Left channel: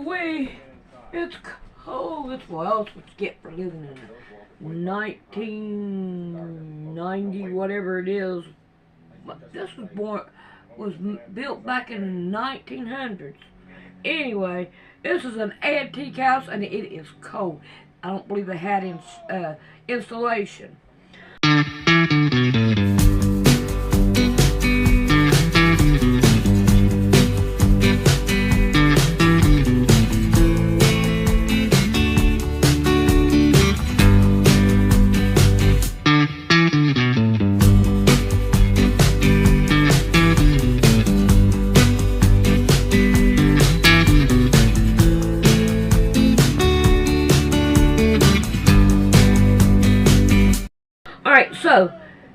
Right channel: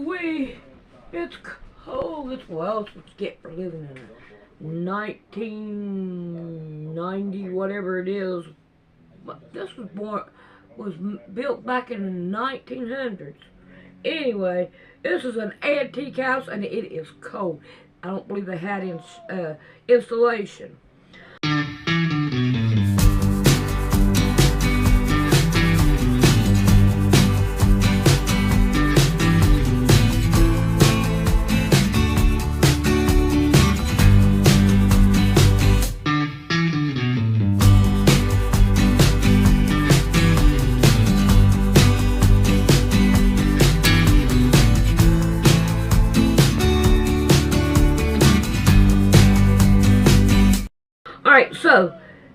Ooh-wee. It's cold. It's what else would you get for living in 1990, whatever it is. This was built back in the 1900s. Anyway, this is an antique house and it is cold. I don't believe they had insulation. Alright, so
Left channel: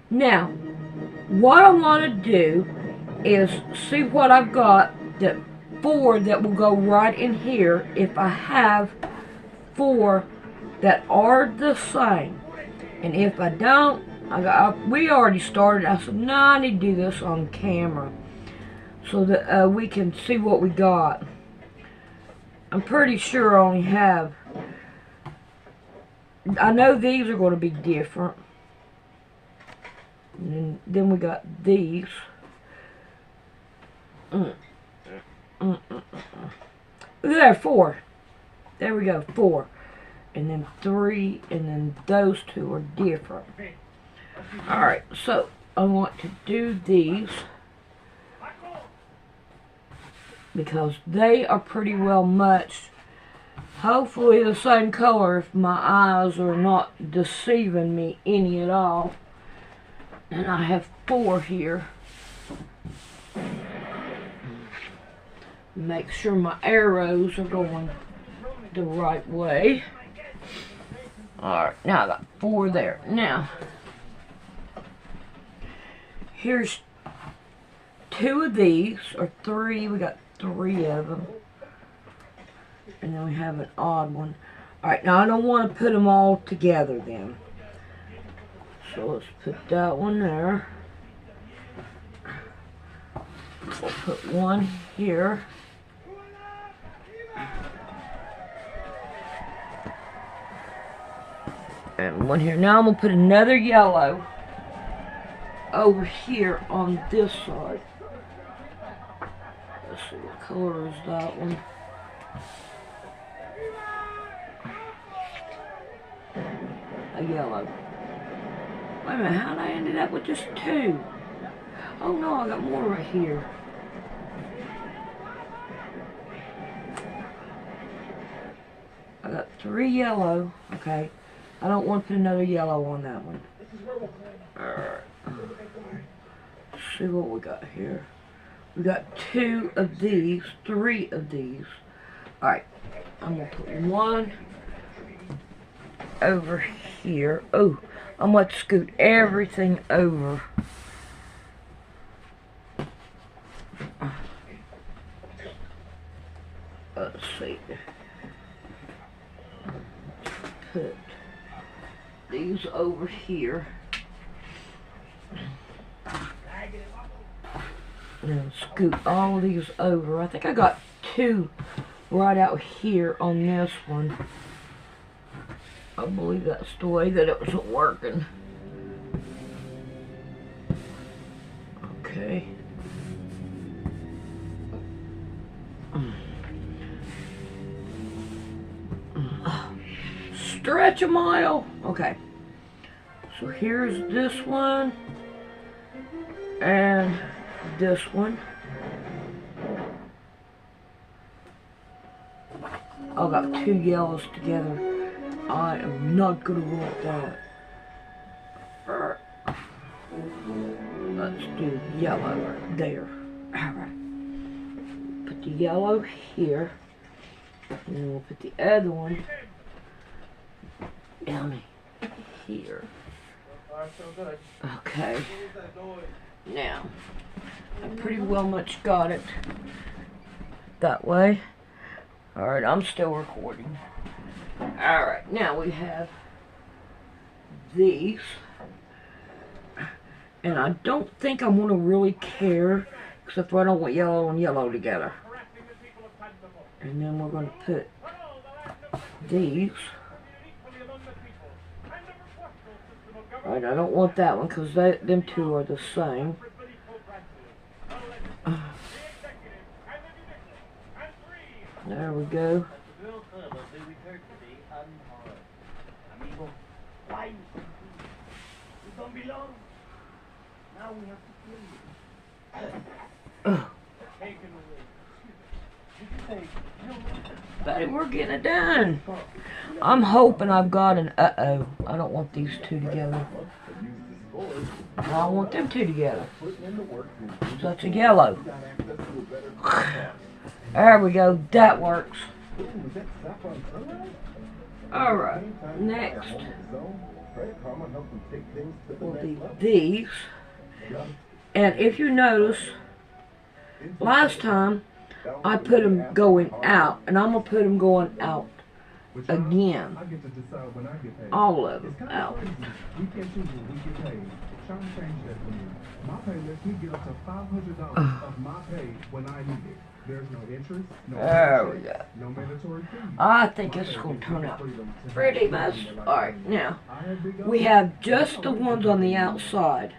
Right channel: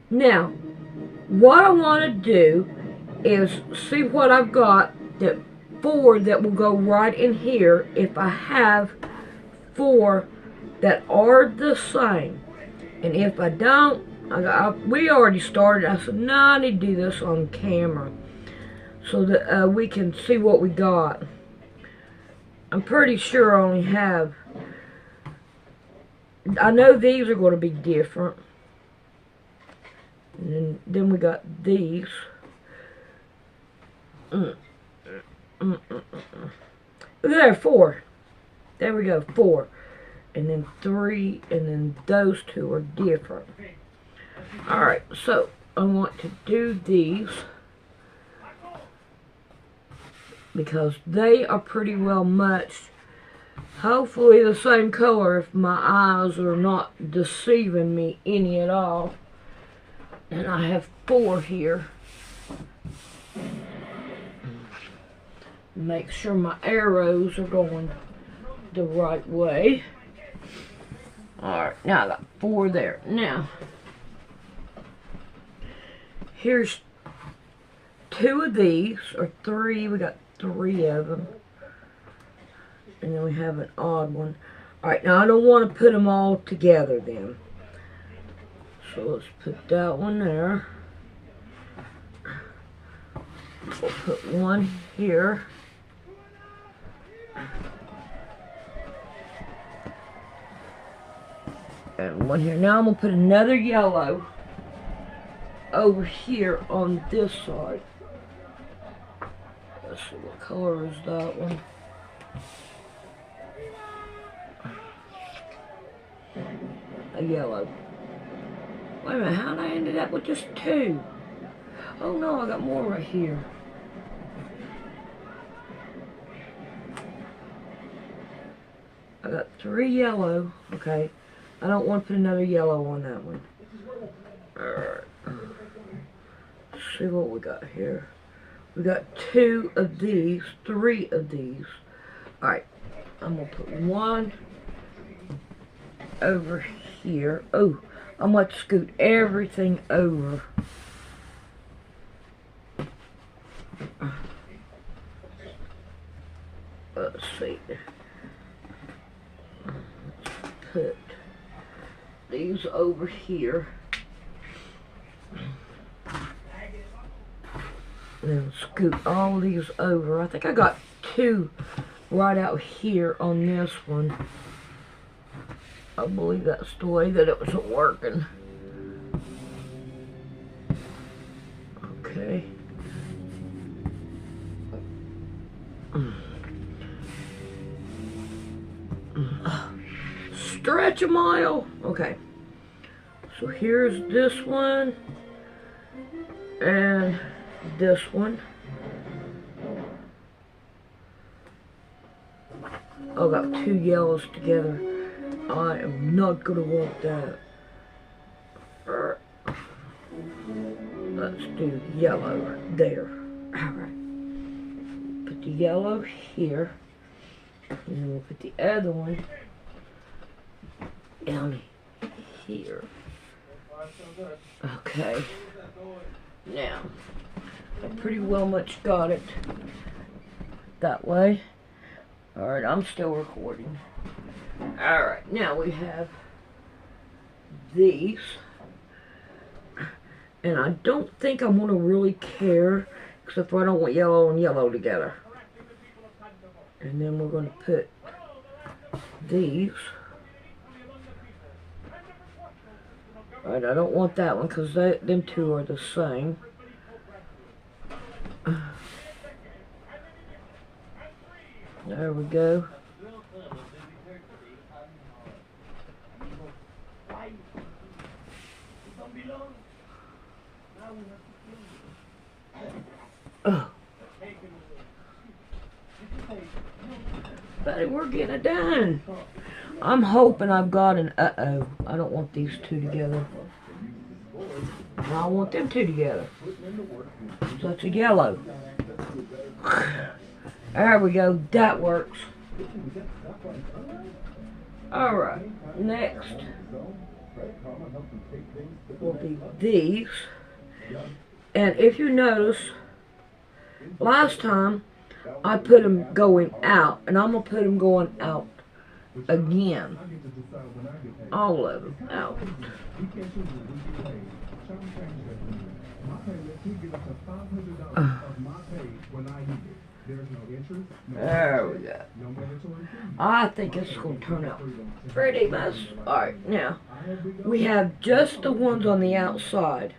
now what I want to do is see what I've got that 4 that will go right in here if I have 4 that are the same. And if I don't, we already started. I said, no, I need to do this on camera so that we can see what we got. I'm pretty sure I only have, I know these are going to be different. And then we got these. Look at there, 4. There we go, 4. And then 3, and then those 2 are different. Alright, so I want to do these because they are pretty well matched. Hopefully the same color if my eyes are not deceiving me any at all. And I have 4 here. Make sure my arrows are going the right way. Alright, now I got 4 there. Now, here's 2 of these, or 3. We got 3 of them. And then we have an odd one. Alright, now I don't want to put them all together then. So let's put that one there. We'll put one here. And one here. Now I'm going to put another yellow over here on this side. Let's see, what color is that one? A yellow. Wait a minute, how did I end up with just 2? Oh no, I got more right here. I got 3 yellow. Okay. I don't want to put another yellow on that one. Alright. Let's see what we got here. We got 2 of these, 3 of these. Alright. I'm going to put one over here. Oh. I'm going to scoot everything over. Let's see. Put these over here. And scoot all these over. I think I got 2 right out here on this one. I believe that's the way that it was working. Okay. Stretch a mile. Okay. So here's this one. And this one. I got 2 yellows together. I am not going to want that. Let's do yellow there. Alright. Put the yellow here. And then we'll put the other one down here. Okay. Now, I pretty well much got it that way. Alright, I'm still recording. Alright, now we have these. And I don't think I'm going to really care, except for I don't want yellow and yellow together. And then we're going to put these. Alright, I don't want that one because them two are the same. There we go. Buddy, we're getting it done. I'm hoping I've got an uh-oh. I don't want these two together. I want them two together. Such a yellow. There we go. That works. Alright, next will be these. And if you notice, last time I put them going out, and I'm going to put them going out again. All of them out. There we go. I think it's going to turn out pretty much. Alright, now, we have just the ones on the outside.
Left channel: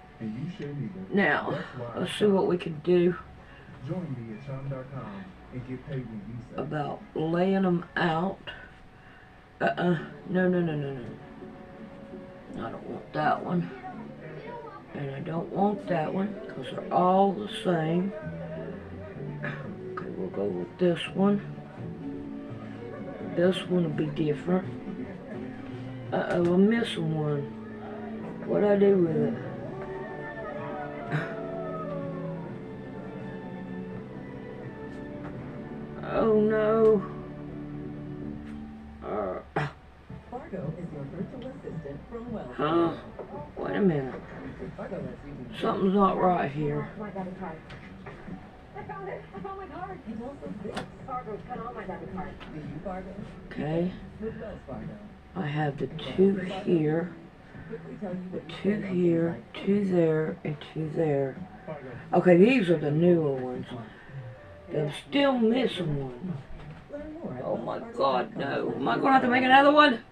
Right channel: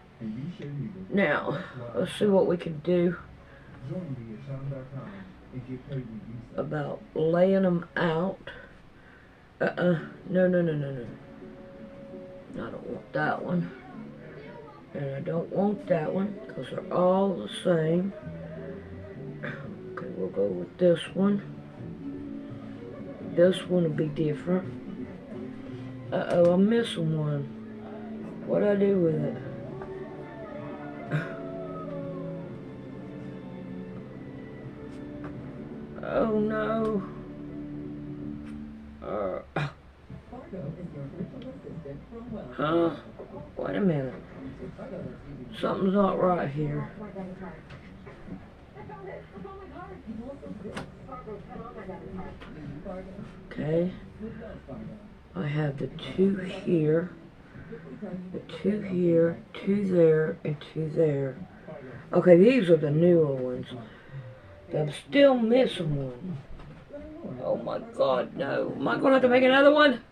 Now, let's see what we can do about laying them out. No. I don't want that one. And I don't want that one, because they're all the same. Okay, we'll go with this one. This one will be different. I'm missing one. What'd I do with it? Oh no. Huh? Wait a minute. Something's not right here. Okay. I have the two here, the two here, two there, and two there. Okay, these are the newer ones. I'm still missing one. Oh my God, no. Am I going to have to make another one?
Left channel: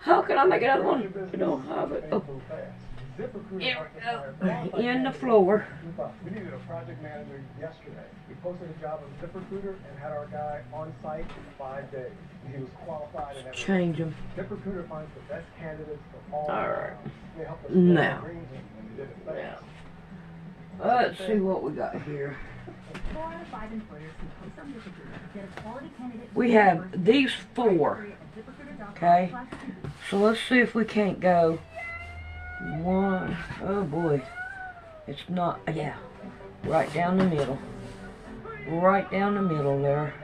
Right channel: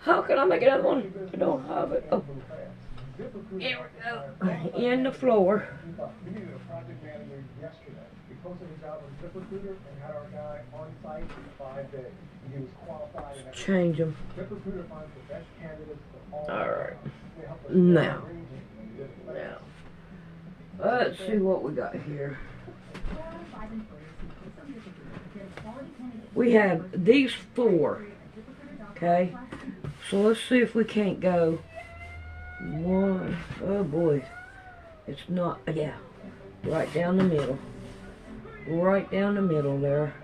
How can I make another one? I don't have it. Oh. Here we go. In the floor. We needed a project manager yesterday. We posted a job on ZipRecruiter and had our guy on site for 5 days. He was qualified and change them. ZipRecruiter finds the best candidates for all. Alright. Now. Let's see what we got here. We have these four. Okay. So let's see if we can't go one. Oh boy. It's not. Yeah. Right down the middle. Right down the middle there.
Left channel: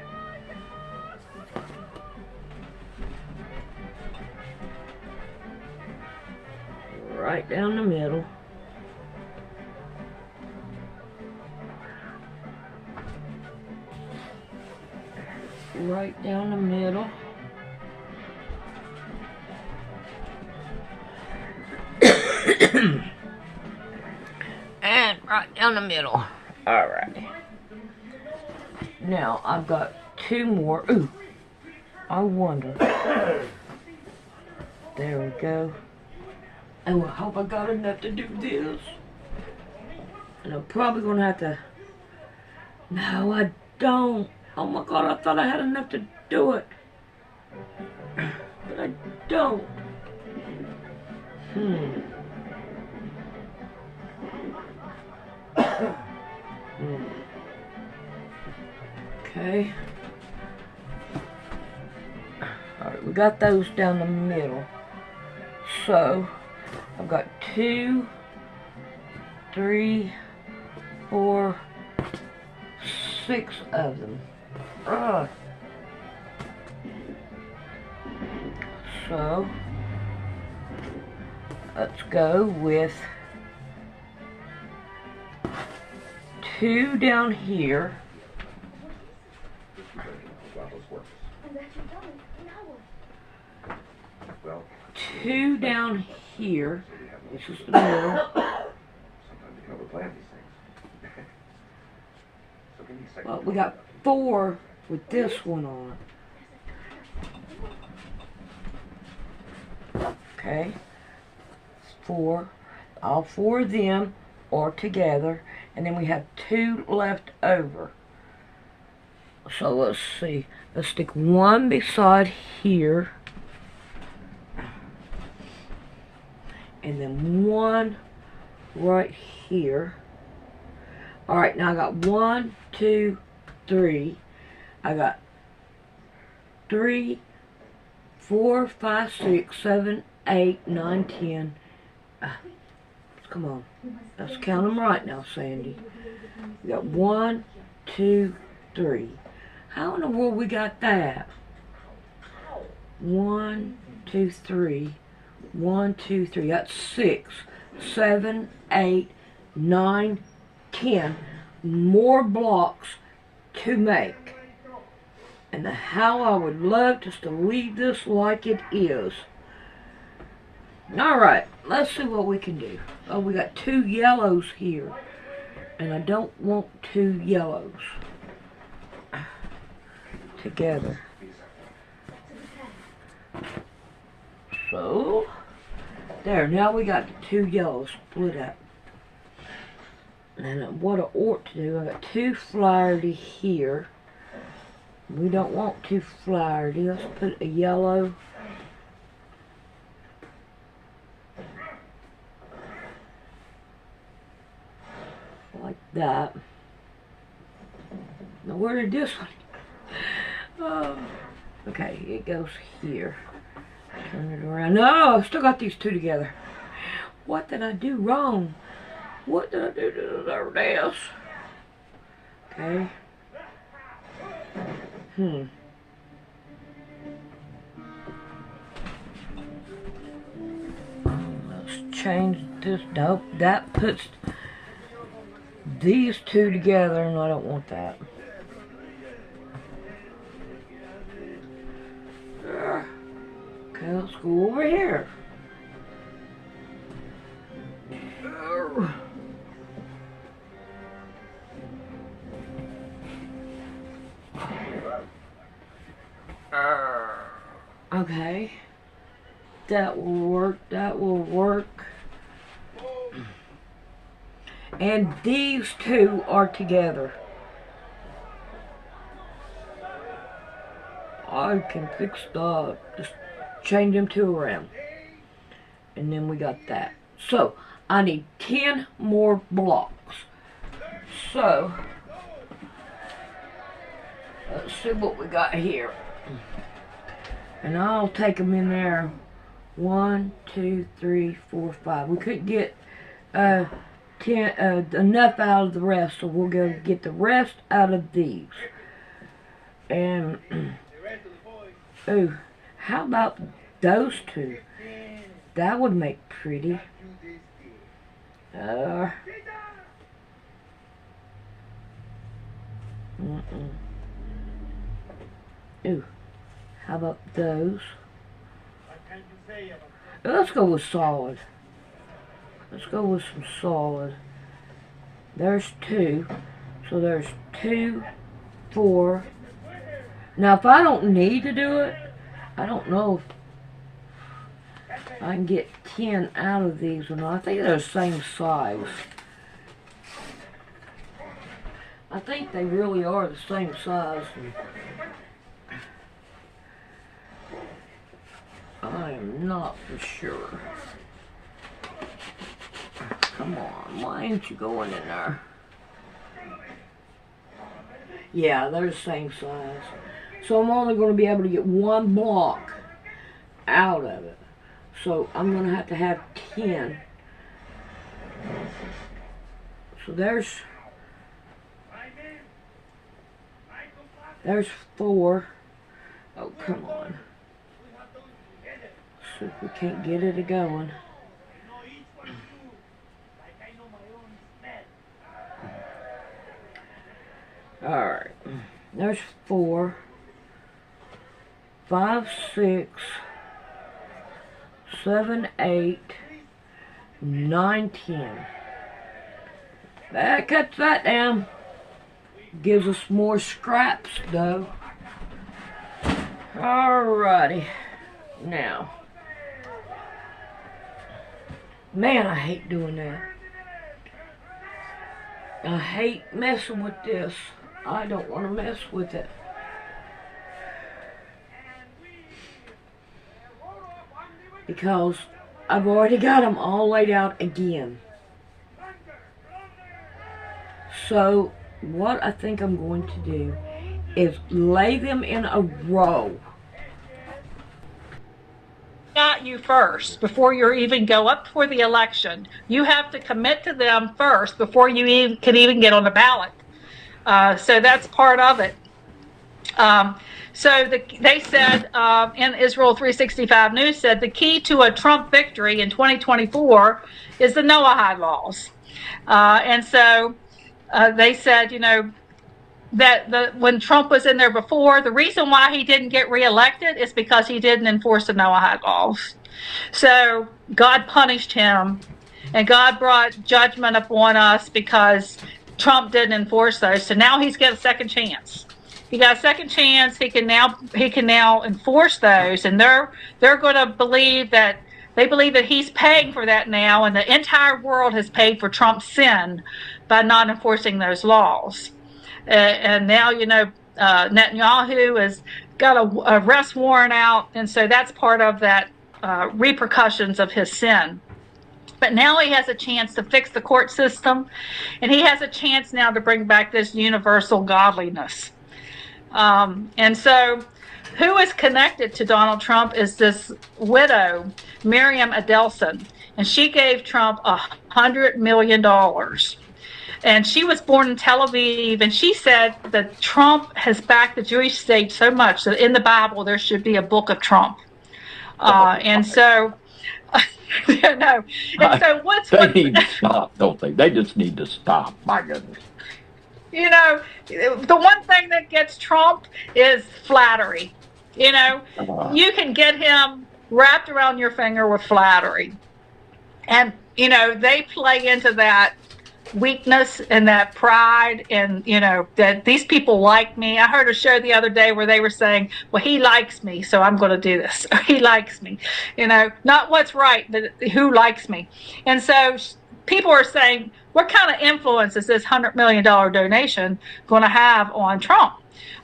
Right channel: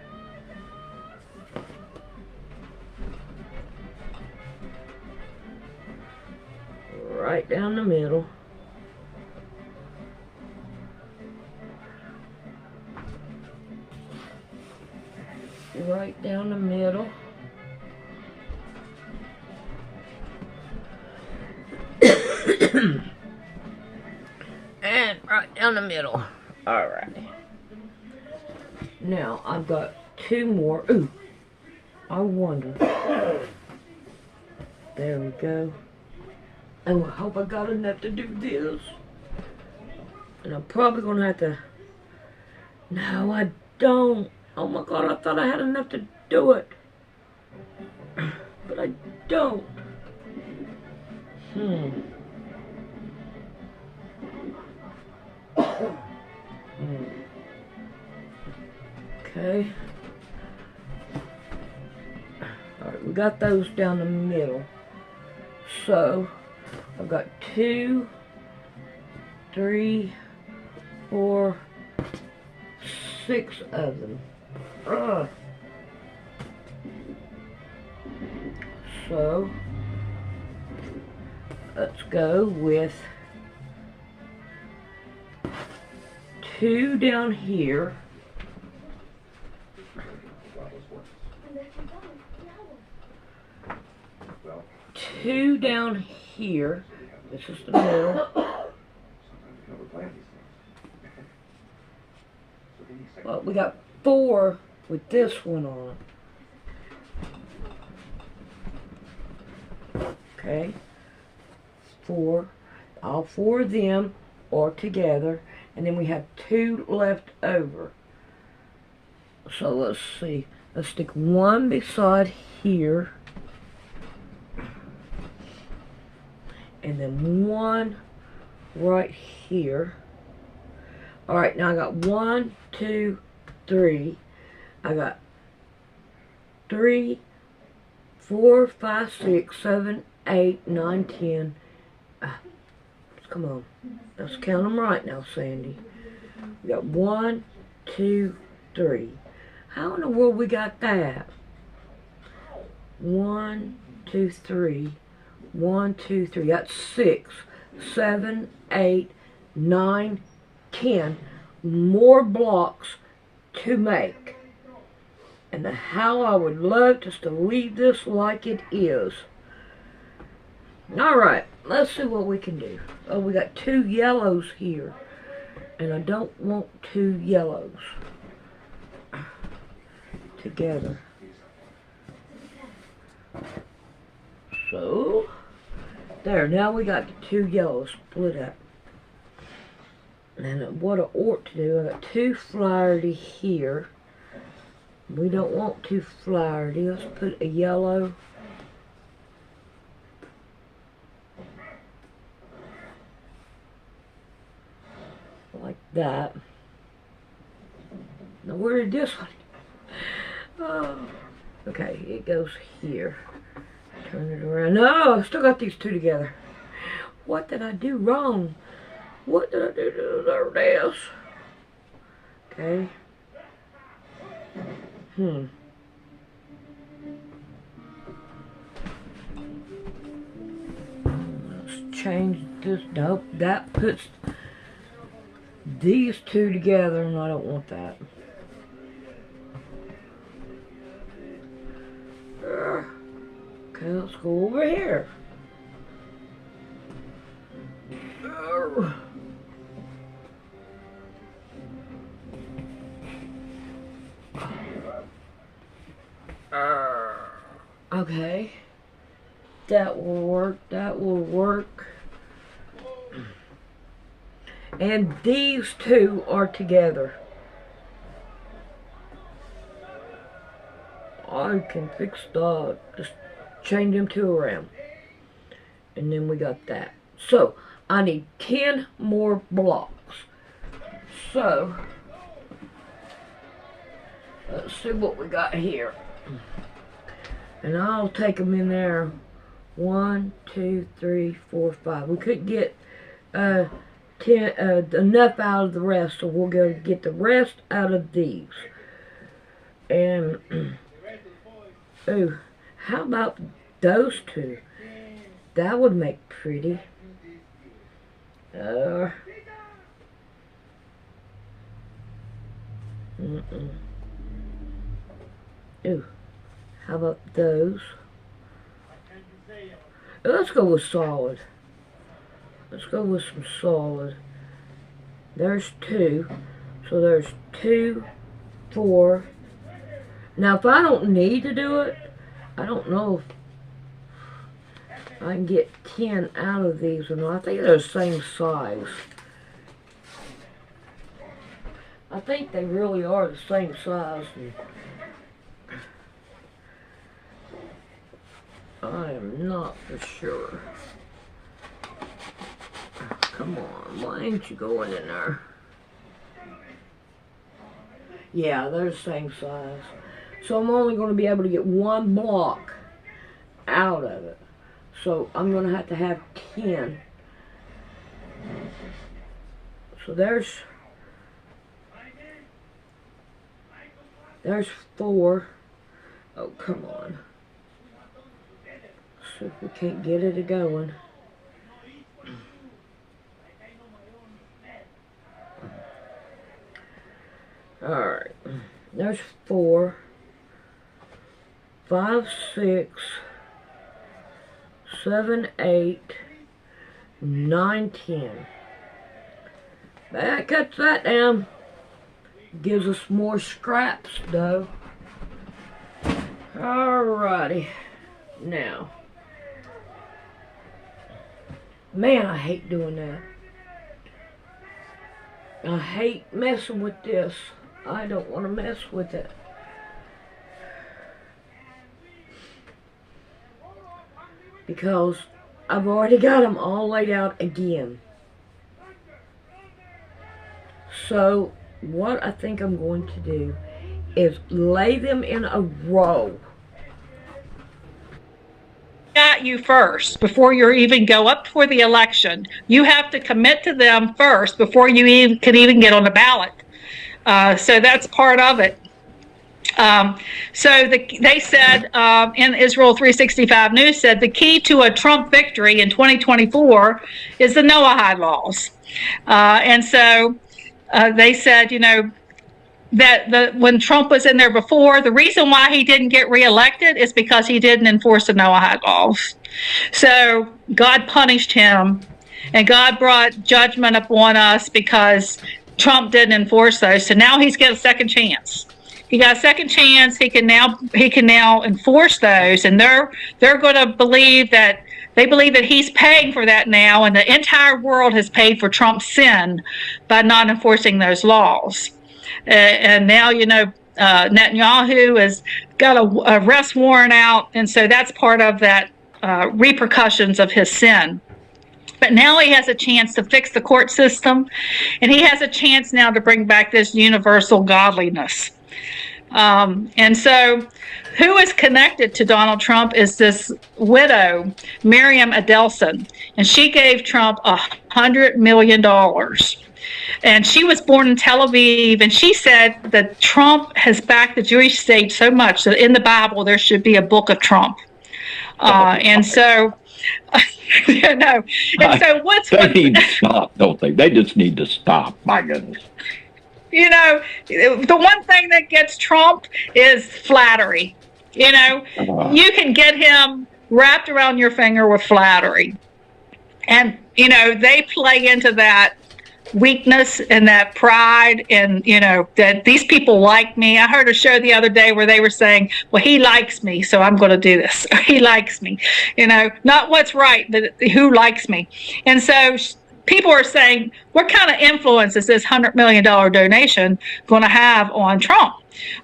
Right down the middle. Right down the middle. And right down the middle. Alright. Now, I've got two more. Ooh. I wonder. There we go. Oh, I hope I got enough to do this. And I'm probably going to have to... No, I don't. Oh my God, I thought I had enough to do it. But I don't. Okay. Alright, we got those down the middle. So, I've got 2, 3, 4, 6 of them. So, let's go with 2 down here. 2 down here. This is the middle. Well, we got 4 with this one on. Okay, 4. All 4 of them are together, and then we have 2 left over. So let's see. Let's stick one beside here, and then one right here. Alright, now I got 1, 2, 3. I got 3, 4, 5, 6, 7, 8, 9, 10. Come on. Let's count them right now, Sandy. We got 1, 2, 3. How in the world we got that? 1, 2, 3. 1, 2, 3. That's 6, 7, 8, 9, 10 more blocks to make. And how I would love just to leave this like it is. Alright, let's see what we can do. Oh, we got 2 yellows here. And I don't want 2 yellows together. So, there, now we got the 2 yellows split up. And what I ought to do, I got 2 flaherty here. We don't want 2 flaherty. Let's put a yellow. Like that. Now where did this one? Oh, okay, it goes here. Turn it around. No, I still got these 2 together. What did I do wrong? What did I do to deserve this? Okay. Let's change this. Nope, that puts these 2 together, and I don't want that. Okay, let's go over here. Okay. That will work. That will work. And these 2 are together. I can fix just change them 2 around. And then we got that. So, I need 10 more blocks. So, let's see what we got here. And I'll take them in there. 1, 2, 3, 4, 5. We couldn't get 10 enough out of the rest, so we'll go get the rest out of these. And oh, how about those 2? That would make pretty. Ooh, how about those? Let's go with solid. Let's go with some solid. There's 2. So there's 2, 4. Now if I don't need to do it, I don't know if I can get 10 out of these or not. I think they're the same size. I think they really are the same size. I am not for sure. Come on, why ain't you going in there? Yeah, they're the same size. So I'm only going to be able to get 1 block out of it. So I'm going to have 10. So there's 4. Oh, come on. See if we can't get it going. Alright. There's 4. 5, 6, 7, 8, 9, 10. That cuts that down. Gives us more scraps, though. Alrighty. Now. Man, I hate doing that. I hate messing with this. I don't want to mess with it. Because I've already got them all laid out again. So what I think I'm going to do is lay them in a row. At you first before you even go up for the election. You have to commit to them first before you can even get on the ballot. So that's part of it. They said in Israel 365 News said the key to a Trump victory in 2024 is the Noahide laws. They said, that when Trump was in there before, the reason why he didn't get reelected is because he didn't enforce the Noahide laws. So God punished him, and God brought judgment upon us because Trump didn't enforce those. So now he's got a second chance. He got a second chance. He can now enforce those, and they're going to believe that. They believe that he's paying for that now, and the entire world has paid for Trump's sin by not enforcing those laws. And now, Netanyahu has got a arrest warrant out, and so that's part of that repercussions of his sin. But now he has a chance to fix the court system, and he has a chance now to bring back this universal godliness. And so who is connected to Donald Trump is this widow, Miriam Adelson, and she gave Trump $100 million. And she was born in Tel Aviv, and she said that Trump has backed the Jewish state so much that in the Bible there should be a book of Trump. And so, And so they need to stop, don't they? They just need to stop. My goodness. The one thing that gets Trump is flattery. You can get him wrapped around your finger with flattery. And, they play into that weakness and that pride and, that these people like me. I heard a show the other day where they were saying, well, he likes me, so I'm going to do this. Or he likes me, not what's right, but who likes me. And so people are saying, what kind of influence is this $100 million donation going to have on Trump?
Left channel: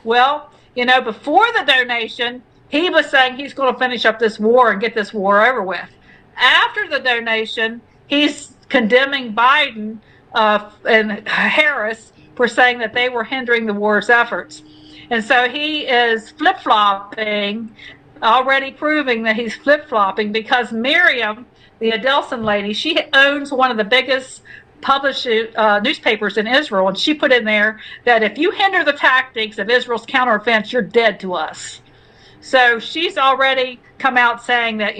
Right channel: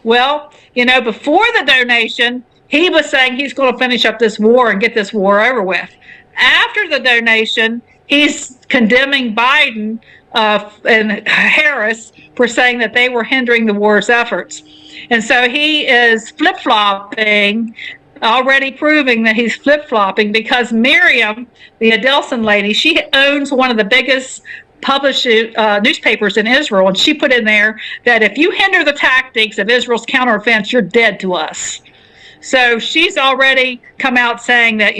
Well, before the donation, he was saying he's going to finish up this war and get this war over with. After the donation, he's condemning Biden and Harris for saying that they were hindering the war's efforts. And so he is flip-flopping, already proving that he's flip-flopping because Miriam, the Adelson lady, she owns one of the biggest published newspapers in Israel, and she put in there that if you hinder the tactics of Israel's counteroffense, you're dead to us. So she's already come out saying that,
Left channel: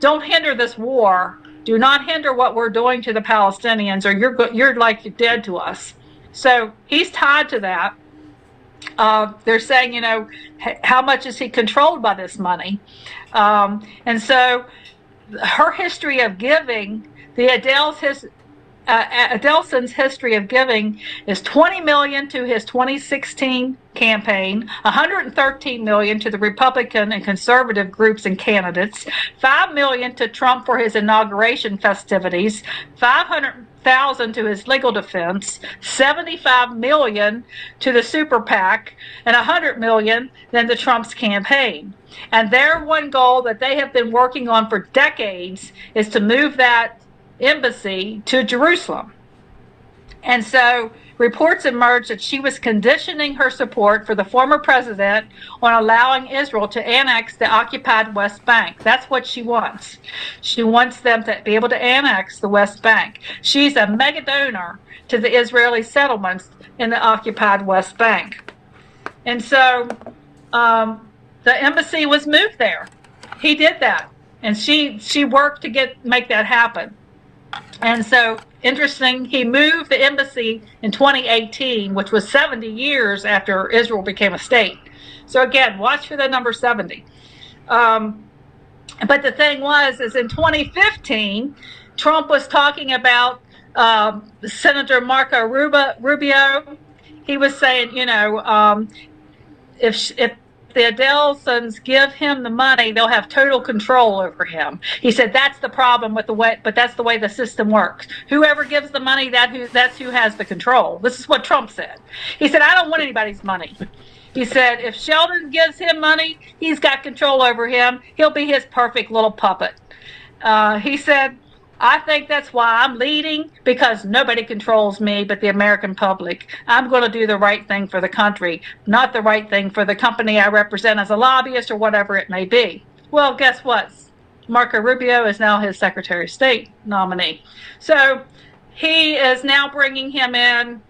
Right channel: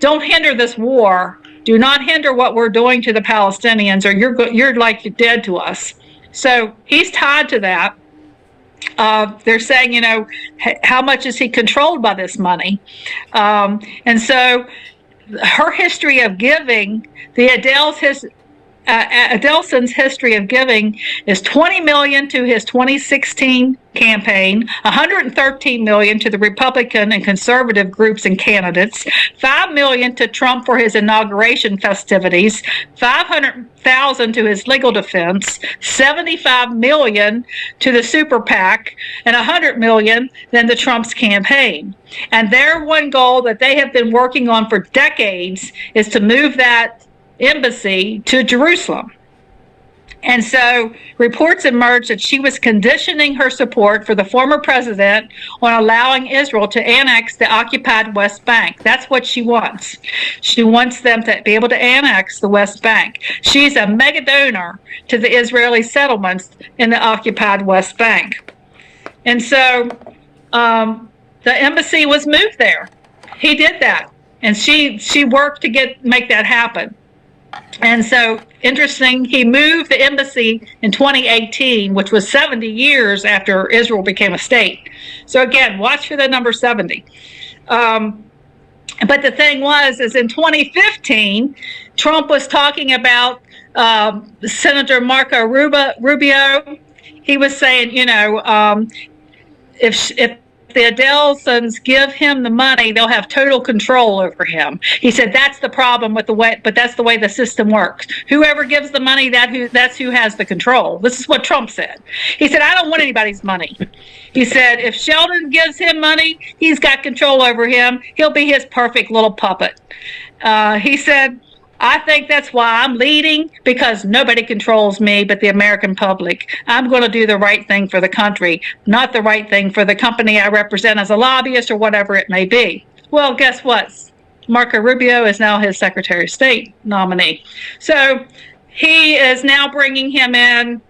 don't hinder this war. Do not hinder what we're doing to the Palestinians, or you're like you're dead to us. So he's tied to that. They're saying, how much is he controlled by this money? And so her history of giving, the Adelson's history of giving is $20 million to his 2016 campaign, $113 million to the Republican and conservative groups and candidates, $5 million to Trump for his inauguration festivities, $500,000 to his legal defense, $75 million to the super PAC, and $100 million then to Trump's campaign. And their one goal that they have been working on for decades is to move that embassy to Jerusalem. And so reports emerged that she was conditioning her support for the former president on allowing Israel to annex the occupied West Bank. That's what she wants. She wants them to be able to annex the West Bank. She's a mega donor to the Israeli settlements in the occupied West Bank. And so the embassy was moved there. He did that. And she worked to make that happen. And so, interesting, he moved the embassy in 2018, which was 70 years after Israel became a state. So again, watch for the number 70. But the thing is in 2015, Trump was talking about Senator Marco Rubio. he was saying, if the Adelsons give him the money, they'll have total control over him. He said that's the problem with the way, but that's the way the system works. Whoever gives the money, that's who has the control. This is what Trump said. He said, I don't want anybody's money. He said, if Sheldon gives him money, he's got control over him. He'll be his perfect little puppet. He said, I think that's why I'm leading, because nobody controls me but the American public. I'm going to do the right thing for the country, not the right thing for the company I represent as a lobbyist or whatever it may be. Well, guess what? Marco Rubio is now his Secretary of State nominee. So he is now bringing him in.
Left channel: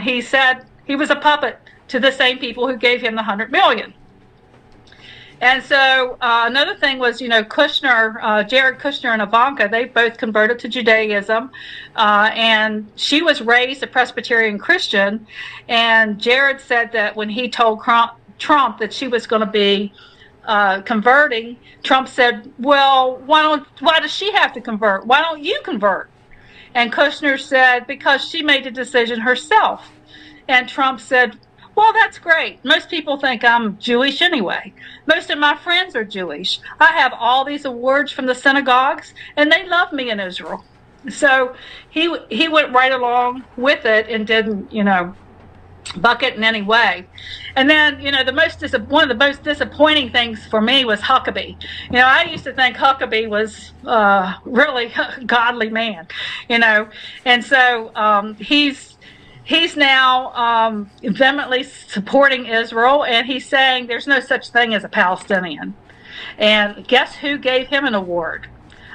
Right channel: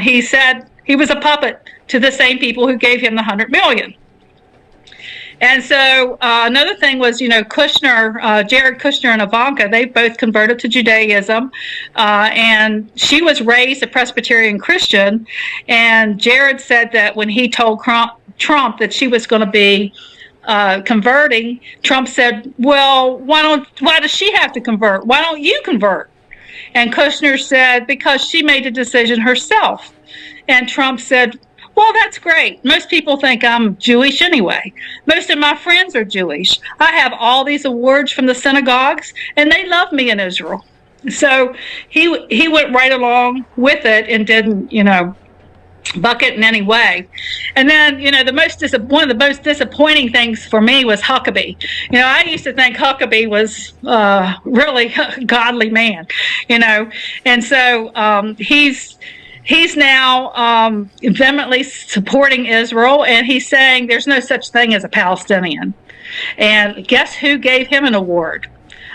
He said he was a puppet to the same people who gave him the $100 million. And so another thing was, Kushner, Jared Kushner and Ivanka, they both converted to Judaism. And she was raised a Presbyterian Christian. And Jared said that when he told Trump that she was going to be converting, Trump said, well, why does she have to convert? Why don't you convert? And Kushner said, because she made the decision herself. And Trump said, well, that's great. Most people think I'm Jewish anyway. Most of my friends are Jewish. I have all these awards from the synagogues, and they love me in Israel. So he went right along with it and didn't, buck it in any way. And then, one of the most disappointing things for me was Huckabee. I used to think Huckabee was really a godly man, and so He's now vehemently supporting Israel, and he's saying there's no such thing as a Palestinian. And guess who gave him an award?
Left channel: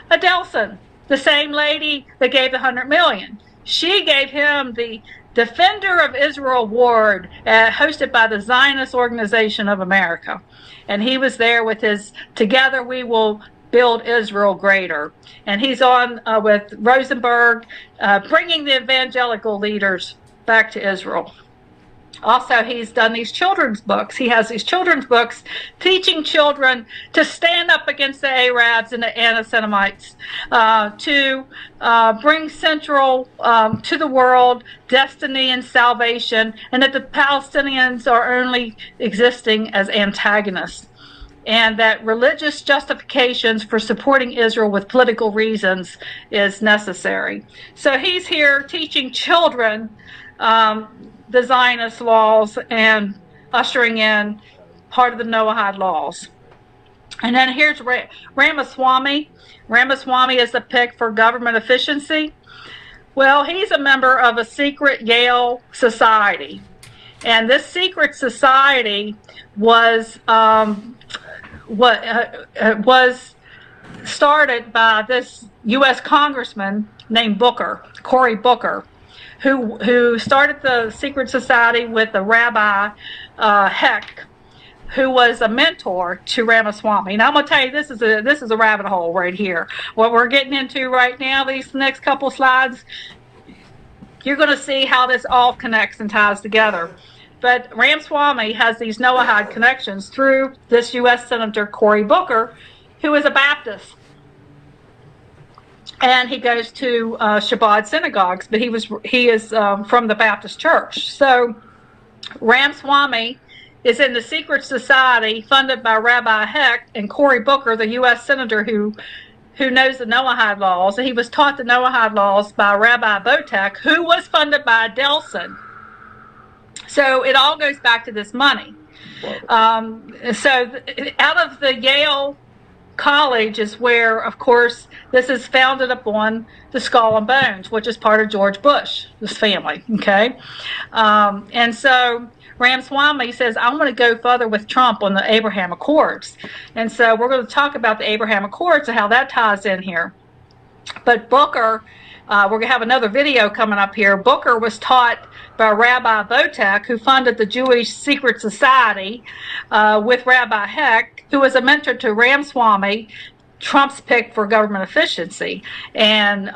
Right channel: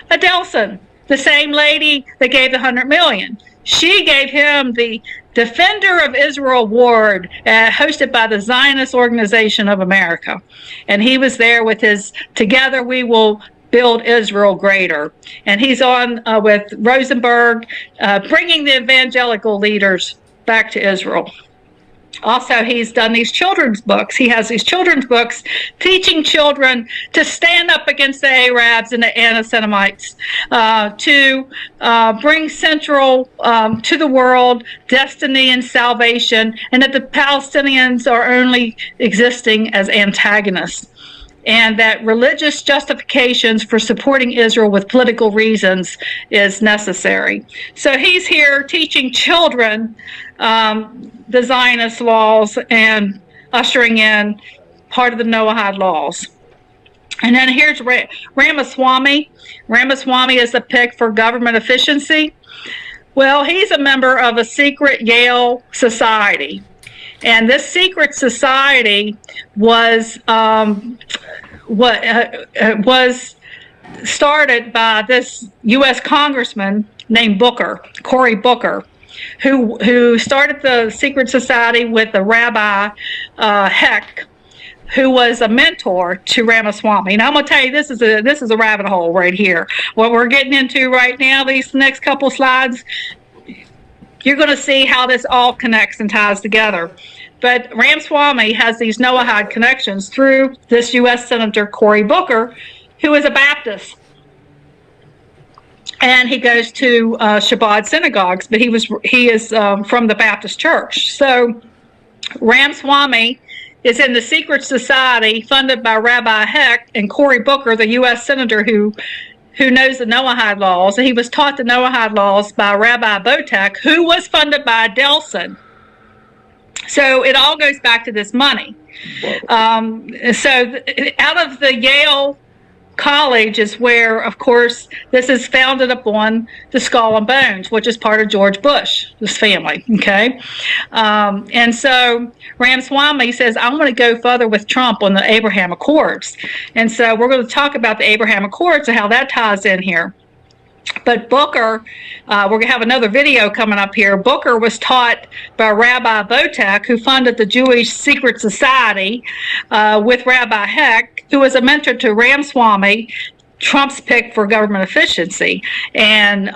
Adelson, the same lady that gave the $100 million. She gave him the Defender of Israel Award, hosted by the Zionist Organization of America. And he was there with his Together We Will Build Israel Greater. And he's on with Rosenberg, bringing the evangelical leaders back to Israel. Also, he's done these children's books. He has these children's books teaching children to stand up against the Arabs and the anti-Semites, to bring central to the world destiny and salvation, and that the Palestinians are only existing as antagonists, and that religious justifications for supporting Israel with political reasons is necessary. So he's here teaching children the Zionist laws and ushering in part of the Noahide laws. And then here's Ramaswamy. Ramaswamy is the pick for government efficiency. Well, he's a member of a secret Yale society. And this secret society was was started by this U.S. congressman named Cory Booker, who started the secret society with the Rabbi Heck, who was a mentor to Ramaswamy. Now I'm going to tell you, this is a rabbit hole right here. What we're getting into right now, these next couple slides, you're going to see how this all connects and ties together. But Ramaswamy has these Noahide connections through this U.S. Senator Cory Booker, who is a Baptist. And he goes to Chabad synagogues, but he is from the Baptist Church. So Ramaswamy is in the secret society funded by Rabbi Heck, and Cory Booker, the U.S. Senator who knows the Noahide laws. And he was taught the Noahide laws by Rabbi Botek, who was funded by Adelson. So it all goes back to this money. So out of the Yale College is where, of course, this is founded upon the Skull and Bones, which is part of George Bush, this family, okay? And so Ramaswamy says, I want to go further with Trump on the Abraham Accords. And so we're going to talk about the Abraham Accords and how that ties in here. But Booker, we're going to have another video coming up here. Booker was taught by Rabbi Botek, who funded the Jewish Secret Society, with Rabbi Heck, who was a mentor to Ramaswamy, Trump's pick for government efficiency. And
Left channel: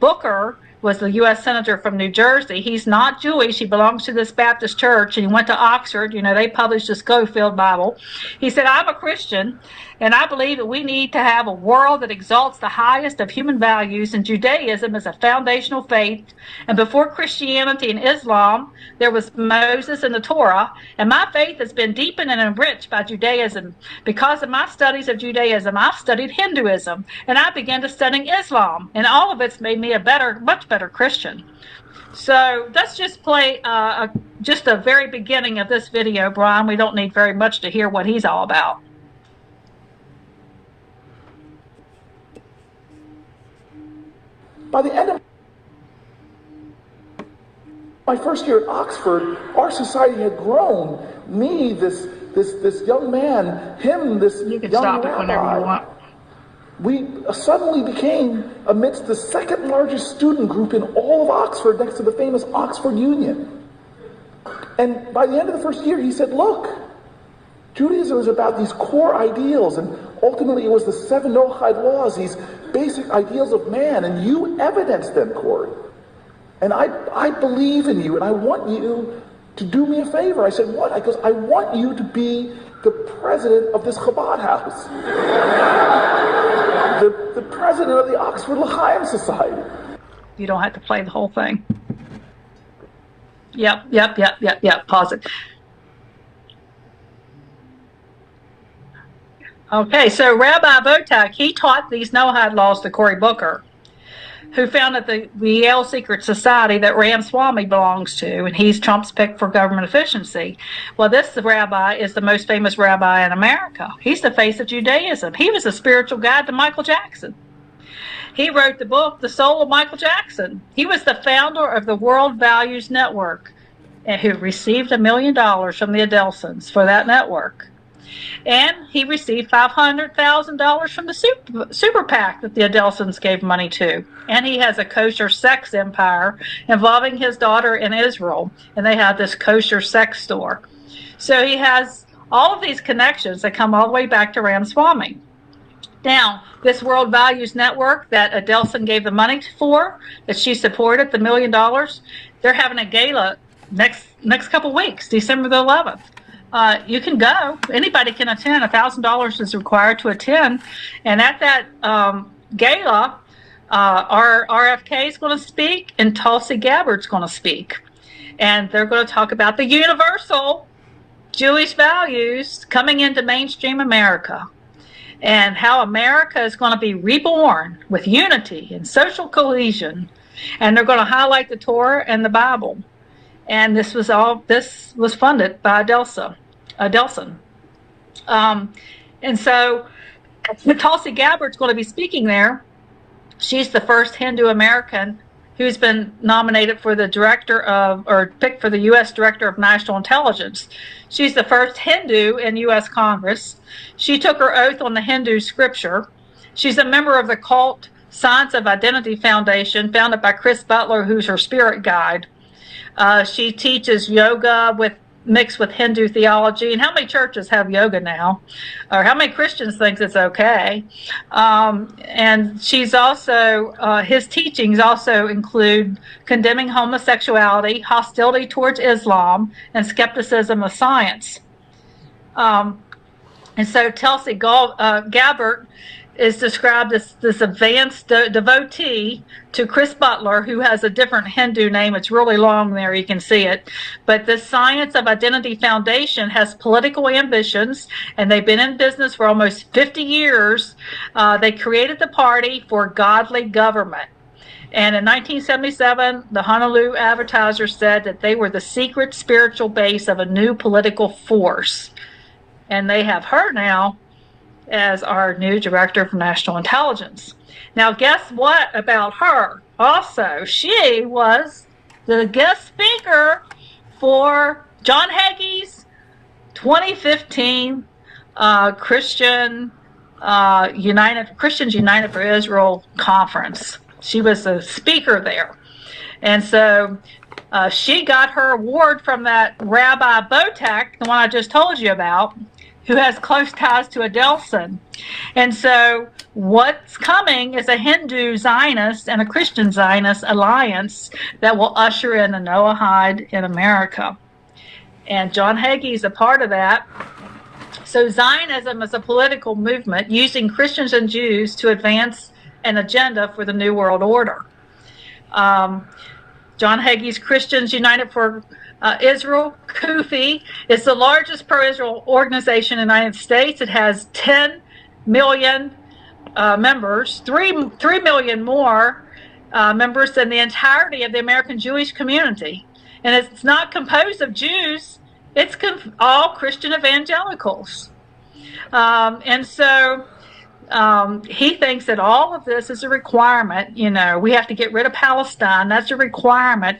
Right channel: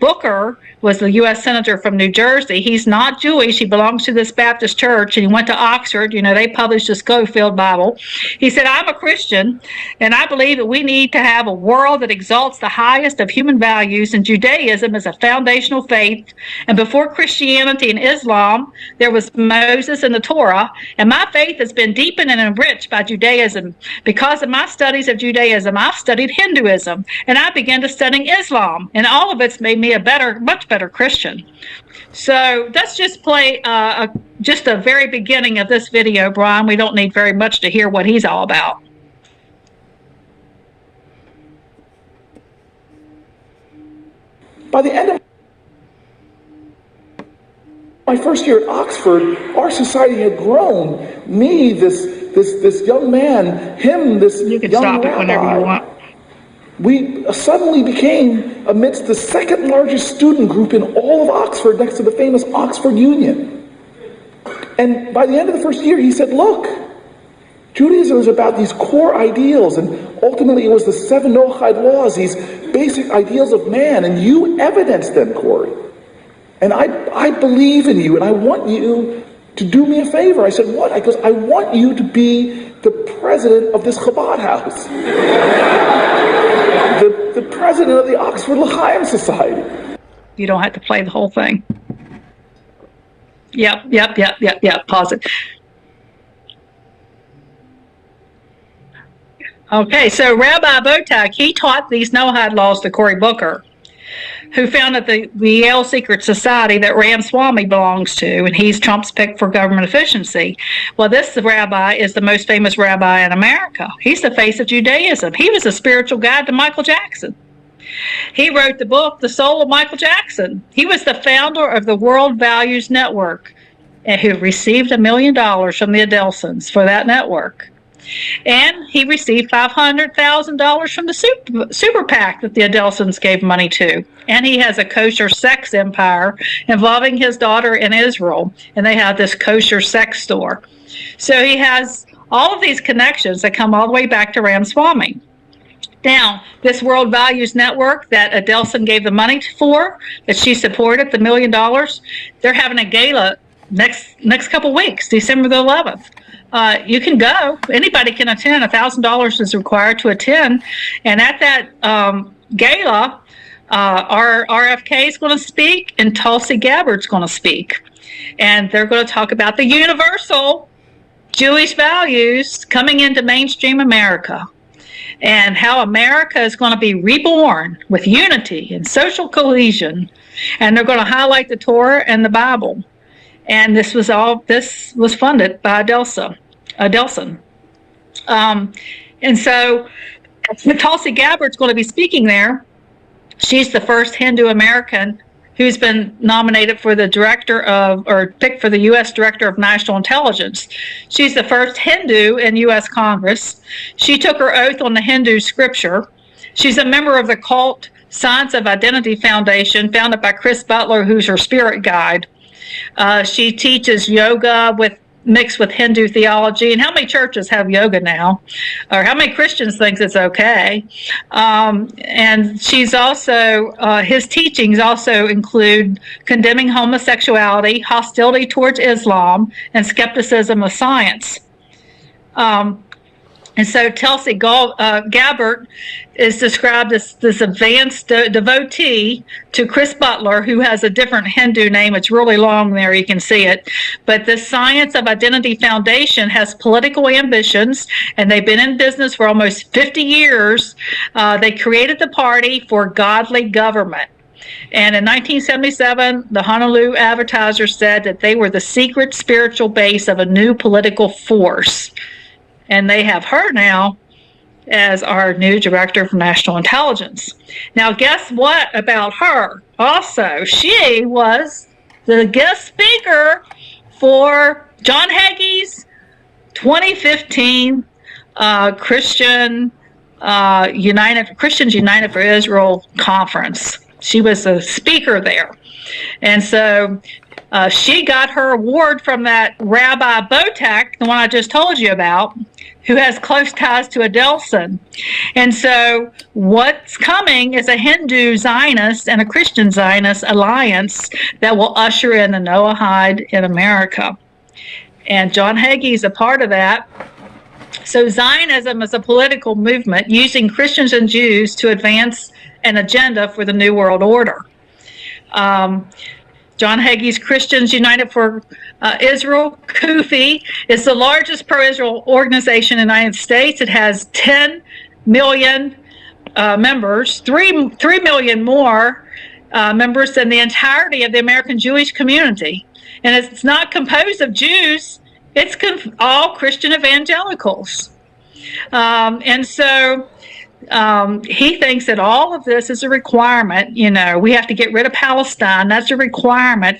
Booker was the U.S. Senator from New Jersey. He's not Jewish. He belongs to this Baptist church, and he went to Oxford. You know, they published the Schofield Bible. He said, I'm a Christian, and I believe that we need to have a world that exalts the highest of human values, and Judaism is a foundational faith. And before Christianity and Islam, there was Moses and the Torah, and my faith has been deepened and enriched by Judaism. Because of my studies of Judaism, I've studied Hinduism, and I began to study Islam, and all of it's made me a much better Christian. So let's just play just the very beginning of this video, Brian. We don't need very much to hear what he's all about. By the end of my first year at Oxford, our society had grown. Me, this young man, him, this You can young stop it rabbi. whenever you want. We suddenly became amidst the second largest student group in all of Oxford, next to the famous Oxford Union. And by the end of the first year, he said, look, Judaism is about these core ideals, and ultimately it was the 7 Noahide laws, these basic ideals of man, and you evidence them, Corey. And I believe in you, and I want you to do me a favor. I said, what? I goes, I want you to be the president of this Chabad house. The president of the Oxford L'Chaim Society. You don't have to play the whole thing. Yep. Pause it. Okay, so Rabbi Botak, he taught these Noahide laws to Cory Booker, who founded the Yale Secret Society that Ramaswamy belongs to, and he's Trump's pick for government efficiency. Well, this rabbi is the most famous rabbi in America. He's the face of Judaism. He was a spiritual guide to Michael Jackson. He wrote the book, The Soul of Michael Jackson. He was the founder of the World Values Network, and who received $1 million from the Adelsons for that network. And he received $500,000 from the super PAC that the Adelsons gave money to. And he has a kosher sex empire involving his daughter in Israel. And they have this kosher sex store. So he has all of these connections that come all the way back to Ramaswamy. Now, this World Values Network that Adelson gave the money for, that she supported, the $1 million, they're having a gala next couple weeks, December the 11th. You can go. Anybody can attend. $1,000 is required to attend. And at that gala, our RFK is going to speak, and Tulsi Gabbard's going to speak. And they're going to talk about the universal Jewish values coming into mainstream America, and how America is going to be reborn with unity and social cohesion. And they're going to highlight the Torah and the Bible. And this was funded by Adelson. And so Tulsi Gabbard's going to be speaking there. She's the first Hindu American who's been nominated for the picked for the U.S. Director of National Intelligence. She's the first Hindu in U.S. Congress. She took her oath on the Hindu scripture. She's a member of the cult Science of Identity Foundation, founded by Chris Butler, who's her spirit guide. She teaches yoga mixed with Hindu theology. And how many churches have yoga now? Or how many Christians think it's okay? And she's also, his teachings also include condemning homosexuality, hostility towards Islam, and skepticism of science. And so Tulsi Gabbard is described as this advanced devotee to Chris Butler, who has a different Hindu name. It's really long there, you can see it. But the Science of Identity Foundation has political ambitions, and they've been in business for almost 50 years. They created the Party for Godly Government. And in 1977, the Honolulu Advertiser said that they were the secret spiritual base of a new political force. And they have her now as our new Director of National Intelligence. Now, guess what about her? Also, she was the guest speaker for John Hagee's 2015 Christians United for Israel conference. She was a speaker there. And so She got her award from that Rabbi Botek, the one I just told you about, who has close ties to Adelson. And so what's coming is a Hindu Zionist and a Christian Zionist alliance that will usher in the Noahide in America. And John Hagee is a part of that. So Zionism is a political movement using Christians and Jews to advance an agenda for the New World Order. John Hagee's Christians United for Israel, CUFI, is the largest pro-Israel organization in the United States. It has 10 million members, 3 million more members than the entirety of the American Jewish community. And it's not composed of Jews, it's all Christian evangelicals. And so he thinks that all of this is a requirement. You know, we have to get rid of Palestine. That's a requirement